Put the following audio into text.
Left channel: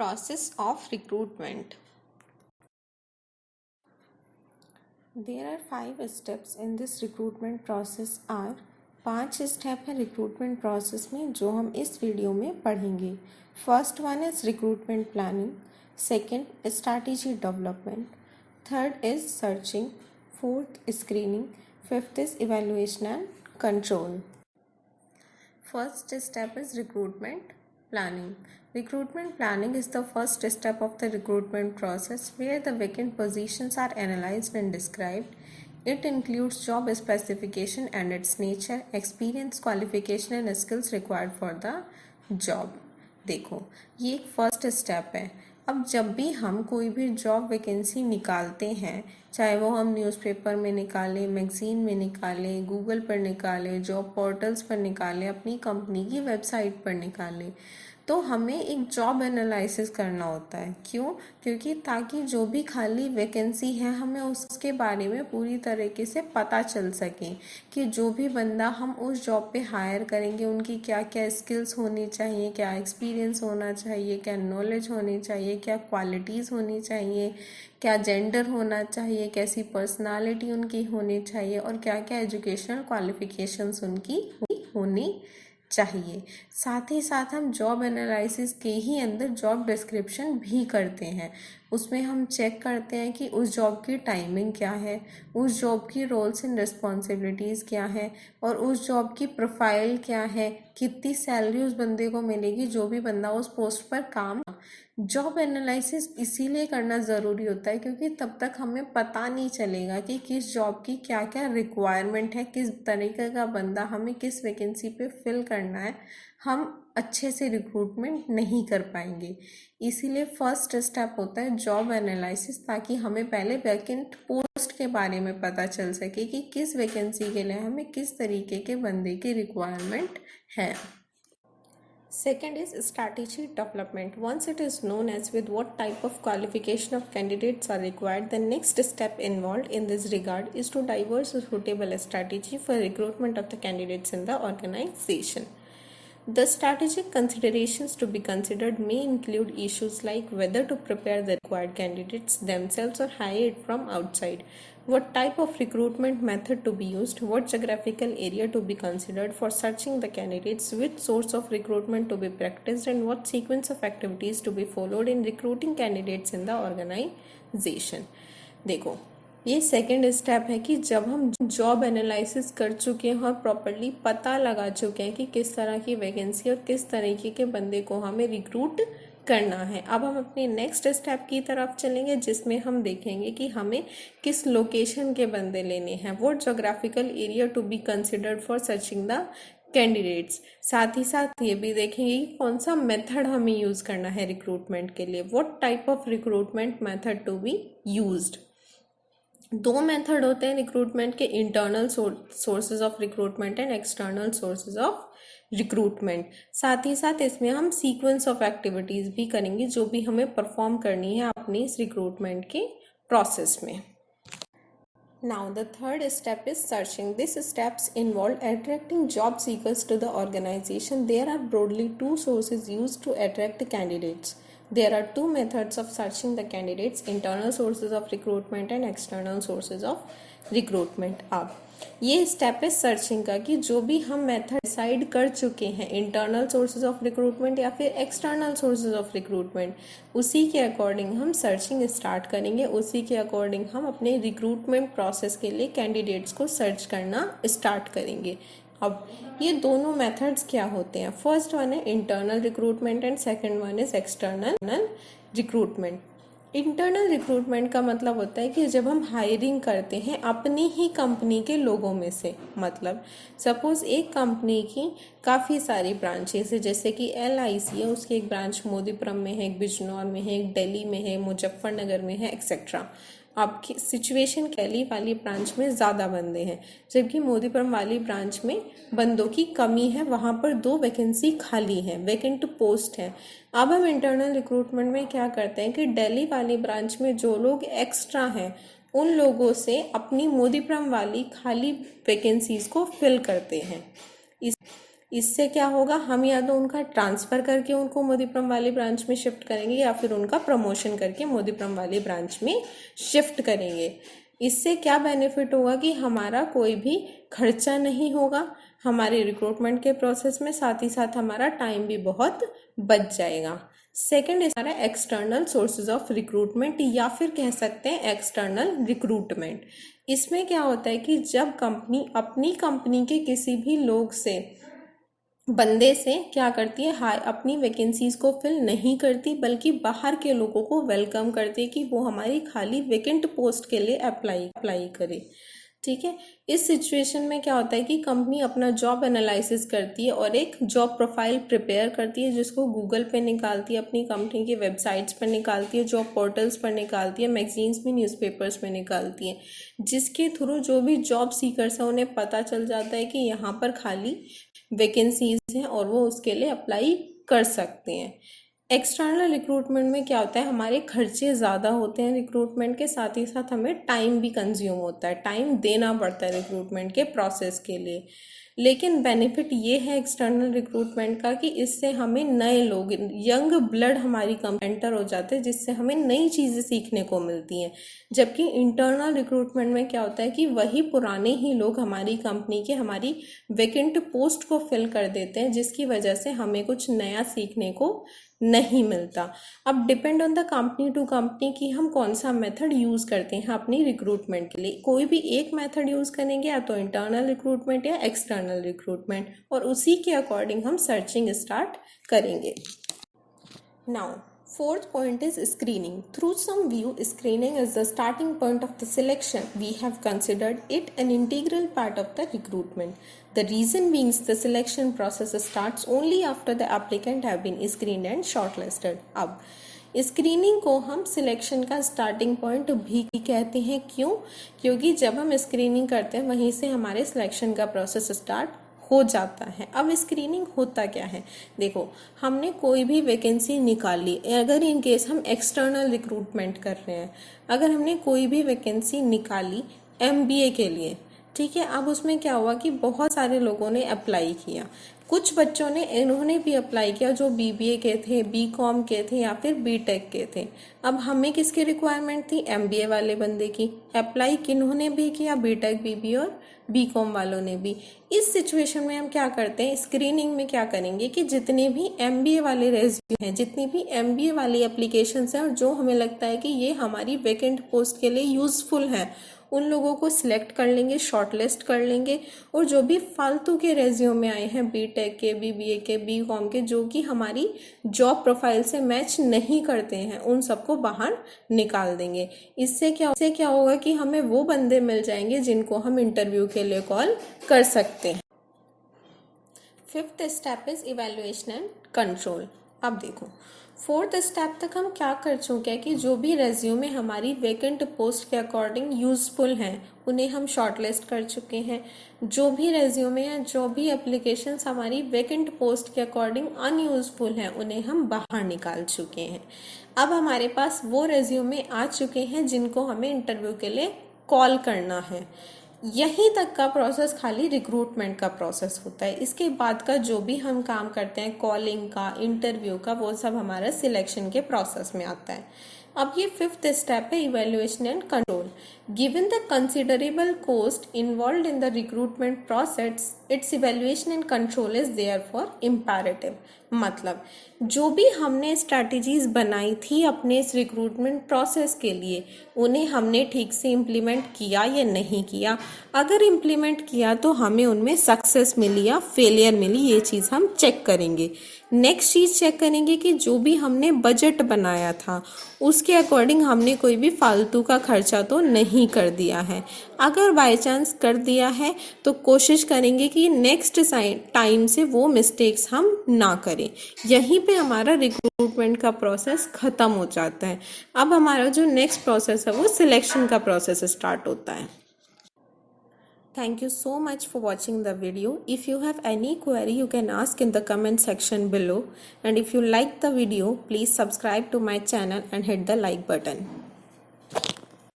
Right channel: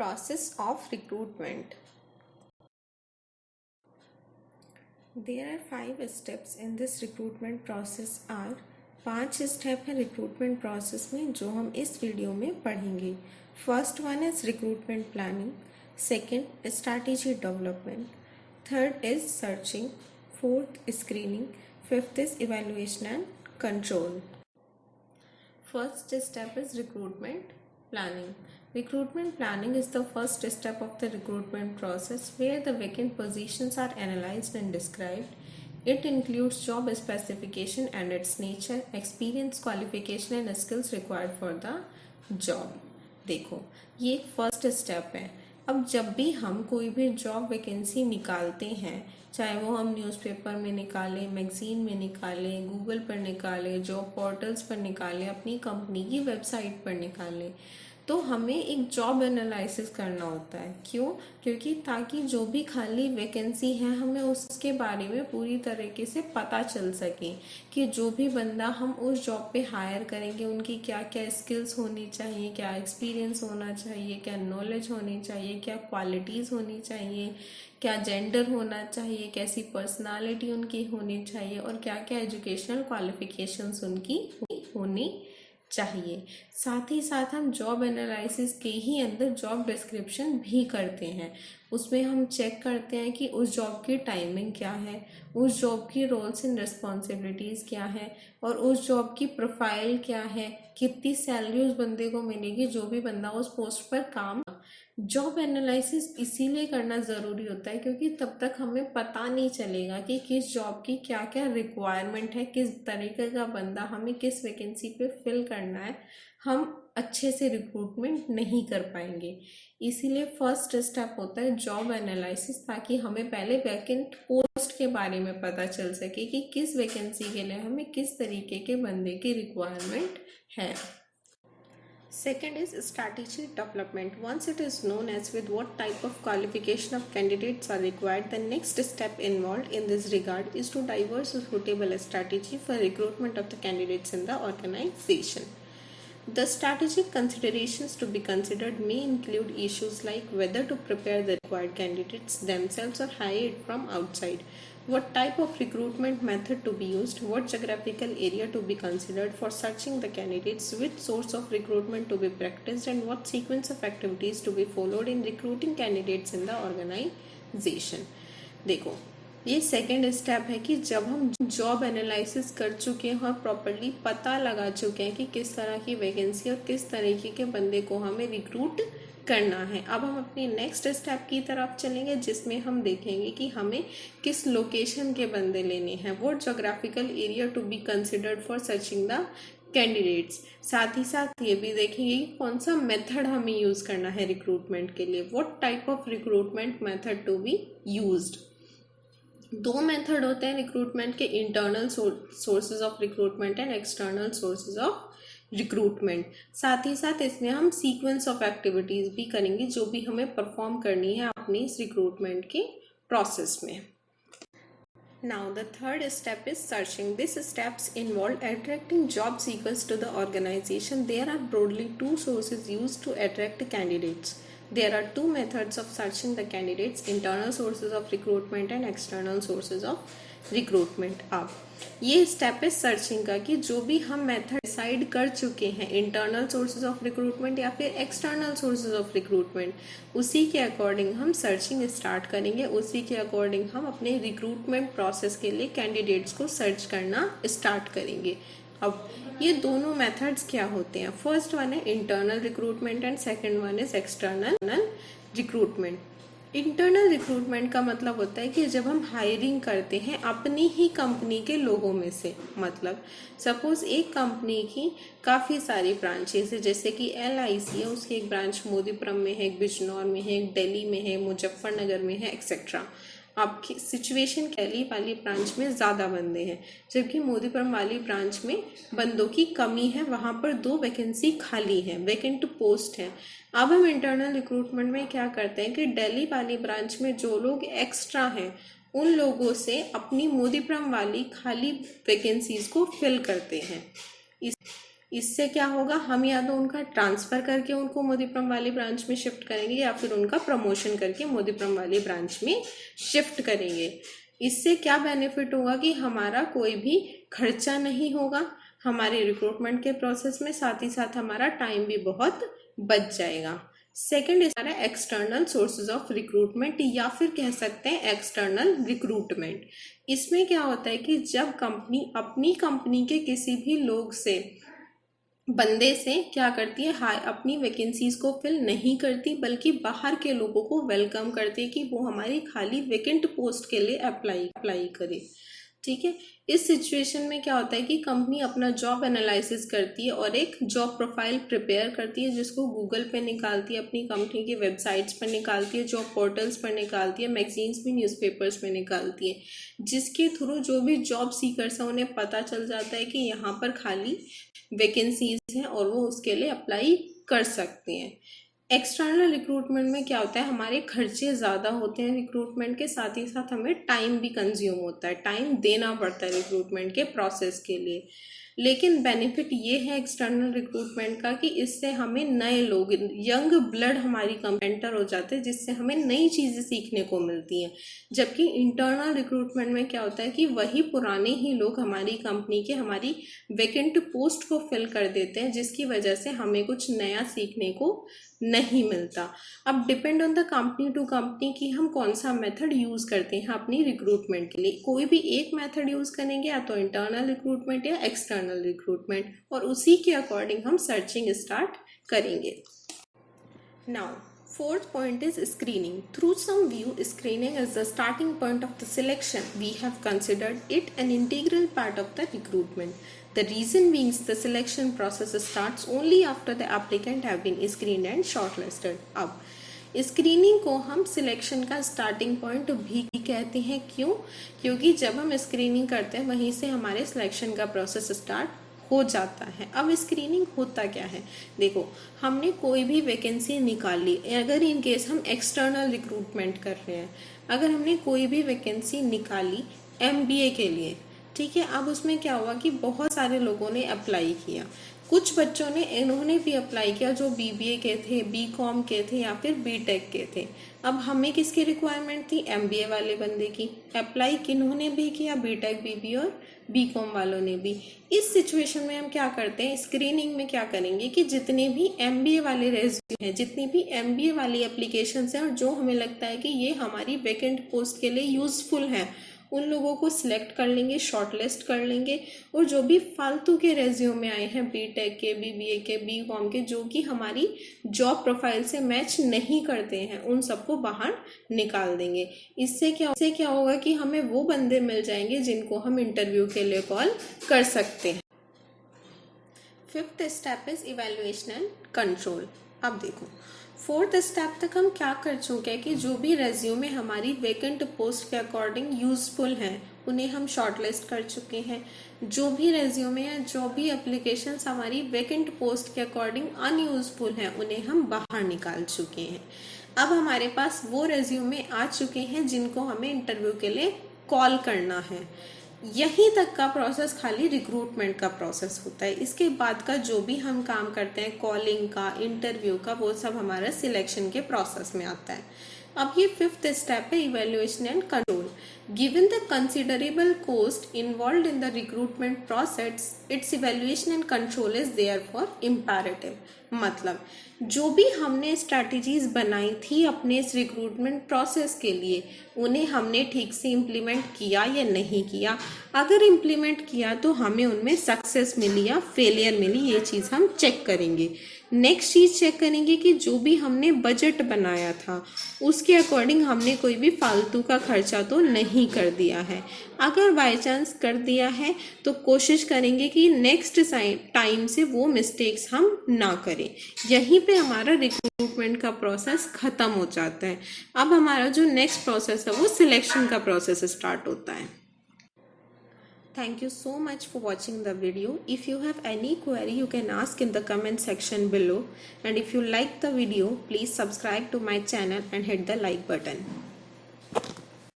Process of recruitment. There are 5 steps in this recruitment process are 5 step है recruitment process में जो हम इस वीडियो में पढ़ेंगे. First one is recruitment planning, second strategy development, third is searching, fourth screening, fifth is evaluation and control. First step is recruitment planning. Recruitment planning is the first step of the recruitment process where the vacant positions are analyzed and described. It includes job specification and its nature, experience, qualification and skills required for the job. देखो ये एक first step है. अब जब भी हम कोई भी जॉब वैकेंसी निकालते हैं, चाहे वो हम न्यूज़पेपर में निकालें, मैगज़ीन में निकालें, गूगल पर निकालें, जॉब पोर्टल्स पर निकालें, अपनी कंपनी की वेबसाइट पर निकालें, तो हमें एक जॉब एनालिसिस करना होता है. क्यों? क्योंकि ताकि जो भी खाली वैकेंसी है हमें उसके बारे में पूरी तरीके से पता चल सके कि जो भी बंदा हम उस जॉब पे हायर करेंगे उनकी क्या क्या स्किल्स होनी चाहिए, क्या एक्सपीरियंस होना चाहिए, क्या नॉलेज होनी चाहिए, क्या क्वालिटीज़ होनी चाहिए, क्या जेंडर होना चाहिए, कैसी पर्सनालिटी उनकी होनी चाहिए और क्या क्या एजुकेशनल क्वालिफिकेशंस उनकी होनी चाहिए. साथ ही साथ हम जॉब एनालिसिस के ही अंदर जॉब डिस्क्रिप्शन भी करते हैं. उसमें हम चेक करते हैं कि उस जॉब की टाइमिंग क्या है, उस जॉब की रोल्स एंड रिस्पॉन्सिबिलिटीज़ क्या है और उस जॉब की प्रोफाइल क्या है, कितनी सैलरी उस बंदे को मिलेगी जो भी बंदा उस पोस्ट पर काम. जॉब एनालिसिस इसीलिए करना ज़रूरी होता है क्योंकि तब तक हमें पता नहीं चलेगा कि किस जॉब की क्या क्या रिक्वायरमेंट है, किस तरीके का बंदा हमें किस वैकेंसी पे फिल करना है. हम अच्छे से रिक्रूटमेंट नहीं कर पाएंगे. इसीलिए फर्स्ट स्टेप होता है जॉब एनालिसिस, ताकि हमें पहले वैकेंट पोस्ट के बारे में पता चल सके कि किस वैकेंसी के लिए हमें किस तरीके के बंदे की रिक्वायरमेंट है. Second is strategy development. Once it is known as with what type of qualification of candidates are required, the next step involved in this regard is to devise a suitable strategy for recruitment of the candidates in the organization. The strategic considerations to be considered may include issues like whether to prepare the required candidates themselves or hire it from outside, what type of recruitment method to be used, what geographical area to be considered for searching the candidates, which source of recruitment to be practiced, and what sequence of activities to be followed in recruiting candidates in the organization. देखो ये second step है कि जब हम job analysis कर चुके हैं और प्रॉपरली पता लगा चुके हैं कि किस तरह की वैकेंसी और किस तरीके के बंदे को हमें रिक्रूट करना है, अब हम अपने नेक्स्ट स्टेप की तरफ चलेंगे जिसमें हम देखेंगे कि हमें किस लोकेशन के बंदे लेने हैं, what geographical area to be considered for searching the candidates. साथ ही साथ ये भी देखेंगे कि कौन सा मेथड हमें यूज़ करना है रिक्रूटमेंट के लिए, what type of recruitment method to be used. 2 method होते हैं रिक्रूटमेंट के, internal sources of recruitment and external sources of recruitment. साथ ही साथ इसमें हम सीक्वेंस ऑफ एक्टिविटीज़ भी करेंगे जो भी हमें परफॉर्म करनी है अपने इस रिक्रूटमेंट के प्रोसेस में. Now the third step is searching. These steps involve attracting job seekers to the organization. There are broadly 2 sources used to attract candidates. There are 2 methods of searching the candidates: internal sources of recruitment and external sources of recruitment. अब ये step है searching का कि जो भी हम method decide कर चुके हैं, इंटरनल सोर्सेज ऑफ रिक्रूटमेंट या फिर एक्सटर्नल सोर्सेज ऑफ रिक्रूटमेंट, उसी के अकॉर्डिंग हम सर्चिंग स्टार्ट करेंगे. उसी के अकॉर्डिंग हम अपने रिक्रूटमेंट प्रोसेस के लिए कैंडिडेट्स को सर्च करना स्टार्ट करेंगे. अब ये दोनों मेथड्स क्या होते हैं? फर्स्ट वन है internal recruitment and second one is external recruitment. Internal recruitment का मतलब होता है कि जब हम हायरिंग करते हैं अपनी ही कंपनी के लोगों में से, मतलब सपोज़ एक कंपनी की काफ़ी सारी ब्रांचेस है, जैसे कि LIC है, उसकी एक ब्रांच मोदीपुरम में है, एक बिजनौर में है, एक दिल्ली में है, मुजफ्फरनगर में है, एक्सेट्रा. आपकी सिचुएशन दिल्ली वाली ब्रांच में ज़्यादा बंदे हैं जबकि मोदीपुरम वाली ब्रांच में बंदों की कमी है, वहाँ पर 2 वैकेंसी खाली हैं, वैकेंट पोस्ट हैं. अब हम इंटरनल रिक्रूटमेंट में क्या करते हैं कि दिल्ली वाली ब्रांच में जो लोग एक्स्ट्रा हैं उन लोगों से अपनी मोदीपुरम वाली खाली वैकेंसीज़ को फिल करते हैं. इस तरीके से इससे क्या होगा, हम या तो उनका ट्रांसफ़र करके उनको मोदीपुरम वाली ब्रांच में शिफ्ट करेंगे या फिर उनका प्रमोशन करके मोदीपुरम वाली ब्रांच में शिफ्ट करेंगे। इससे क्या बेनिफिट होगा कि हमारा कोई भी खर्चा नहीं होगा हमारे रिक्रूटमेंट के प्रोसेस में, साथ ही साथ हमारा टाइम भी बहुत बच जाएगा। सेकेंड हमारा एक्सटर्नल सोर्सेज ऑफ रिक्रूटमेंट या फिर कह सकते हैं एक्सटर्नल रिक्रूटमेंट। इसमें क्या होता है कि जब कंपनी अपनी कंपनी के किसी भी लोग से बंदे से क्या करती है, हाय अपनी वैकेंसीज को फिल नहीं करती बल्कि बाहर के लोगों को वेलकम करती है कि वो हमारी खाली वैकेंट पोस्ट के लिए अप्लाई करे। ठीक है, इस सिचुएशन में क्या होता है कि कंपनी अपना जॉब एनालिसिस करती है और एक जॉब प्रोफाइल प्रिपेयर करती है जिसको गूगल पे निकालती है, अपनी कंपनी की वेबसाइट्स पर निकालती है, जॉब पोर्टल्स पर निकालती है, मैगजीन्स में, न्यूज़पेपर्स में निकालती है, जिसके थ्रू जो भी जॉब सीकर्स हैं उन्हें पता चल जाता है कि यहाँ पर खाली वैकेंसीज हैं और वो उसके लिए अप्लाई कर सकते हैं। एक्सटर्नल रिक्रूटमेंट में क्या होता है, हमारे खर्चे ज़्यादा होते हैं रिक्रूटमेंट के, साथ ही साथ हमें टाइम भी कंज्यूम होता है, टाइम देना पड़ता है रिक्रूटमेंट के प्रोसेस के लिए। लेकिन बेनिफिट ये है एक्सटर्नल रिक्रूटमेंट का कि इससे हमें नए लोग, यंग ब्लड हमारी एंटर हो जाते हैं, जिससे हमें नई चीज़ें सीखने को मिलती हैं। जबकि इंटरनल रिक्रूटमेंट में क्या होता है कि वही पुराने ही लोग हमारी कंपनी के हमारी वैकेंट पोस्ट को फिल कर देते हैं, जिसकी वजह से हमें कुछ नया सीखने को नहीं मिलता। अब depend on the company to company कि हम कौन सा मेथड यूज़ करते हैं अपनी रिक्रूटमेंट के लिए। कोई भी एक मेथड यूज़ करेंगे, या तो इंटरनल रिक्रूटमेंट या एक्सटर्नल रिक्रूटमेंट, और उसी के अकॉर्डिंग हम सर्चिंग स्टार्ट करेंगे। Now fourth point is screening. Through some view, screening is the starting point of the selection. We have considered it an integral part of the recruitment. The reason being the selection process starts only after the applicant have been screened and shortlisted. अब screening को हम selection का starting point भी कहते हैं। क्यों? क्योंकि जब हम स्क्रीनिंग करते हैं वहीं से हमारे सिलेक्शन का प्रोसेस स्टार्ट हो जाता है। अब स्क्रीनिंग होता क्या है, देखो हमने कोई भी वैकेंसी निकाली, अगर इन केस हम एक्सटर्नल रिक्रूटमेंट कर रहे हैं, अगर हमने कोई भी वैकेंसी निकाली MBA के लिए, ठीक है, अब उसमें क्या हुआ कि बहुत सारे लोगों ने अप्लाई किया, कुछ बच्चों ने इन्होंने भी अप्लाई किया जो BBA के थे, BCom के थे या फिर BTech के थे। अब हमें किसकी रिक्वायरमेंट थी, MBA वाले बंदे की। अप्लाई किन्होंने भी किया, BTech, BBA और BCom वालों ने भी। इस सिचुएशन में हम क्या करते हैं, स्क्रीनिंग में क्या करेंगे कि जितने भी MBA वाले रेज्यूमे हैं, जितनी भी MBA वाली एप्लीकेशंस हैं और जो हमें लगता है कि ये हमारी वैकेंट पोस्ट के लिए यूज़फुल है, उन लोगों को सिलेक्ट कर लेंगे, शॉर्टलिस्ट कर लेंगे, और जो भी फालतू के रेज्यूमे आए हैं BTech के, BBA के, BCom के, जो कि हमारी जॉब प्रोफाइल से मैच नहीं करते हैं, उन सबको बाहर निकाल देंगे। इससे क्या होगा कि हमें वो बंदे मिल जाएंगे जिनको हम इंटरव्यू के लिए कॉल कर सकते हैं। Fifth step is evaluation and control. अब देखो फोर्थ स्टेप तक हम क्या कर चुके हैं कि जो भी रेज्यूमे हमारी वैकेंट पोस्ट के अकॉर्डिंग यूज़फुल हैं उन्हें हम शॉर्टलिस्ट कर चुके हैं। जो भी रेज्यूमे हैं, जो भी एप्लीकेशंस हमारी वैकेंट पोस्ट के अकॉर्डिंग अनयूज़फुल हैं, उन्हें हम बाहर निकाल चुके हैं। अब हमारे पास वो रेज्यूमे आ चुके हैं जिनको हमें इंटरव्यू के लिए कॉल करना है। यहीं तक का प्रोसेस खाली रिक्रूटमेंट का प्रोसेस होता है। इसके बाद का जो भी हम काम करते हैं, कॉलिंग का, इंटरव्यू का, वो सब हमारा सिलेक्शन के प्रोसेस में आता है। अब ये फिफ्थ स्टेप है, evaluation and control. Given the considerable cost involve in the recruitment process, it's evaluation and control is therefore imperative. मतलब जो भी हमने स्ट्रैटेजीज बनाई थी अपने इस रिक्रूटमेंट प्रोसेस के लिए, उन्हें हमने ठीक से इम्प्लीमेंट किया या नहीं किया। अगर इम्प्लीमेंट किया तो हमें उनमें सक्सेस मिली या फेलियर मिली, ये चीज़ हम चेक करेंगे। नेक्स्ट चीज़ चेक करेंगे कि जो भी हमने बजट बनाया था उसके अकॉर्डिंग हमने कोई भी फालतू का खर्चा तो नहीं कर दिया है। अगर बाय चांस कर दिया है तो कोशिश करेंगे कि नेक्स्ट टाइम से वो मिस्टेक्स हम ना करें। यहीं पे हमारा रिक्रूटमेंट का प्रोसेस ख़त्म हो जाता है। अब हमारा जो नेक्स्ट प्रोसेस है वो सिलेक्शन का प्रोसेस स्टार्ट होता है। Thank you so much for watching the video. If you have any query, you can ask in the comment section below. And if you like the video, please subscribe to my channel and hit the like button.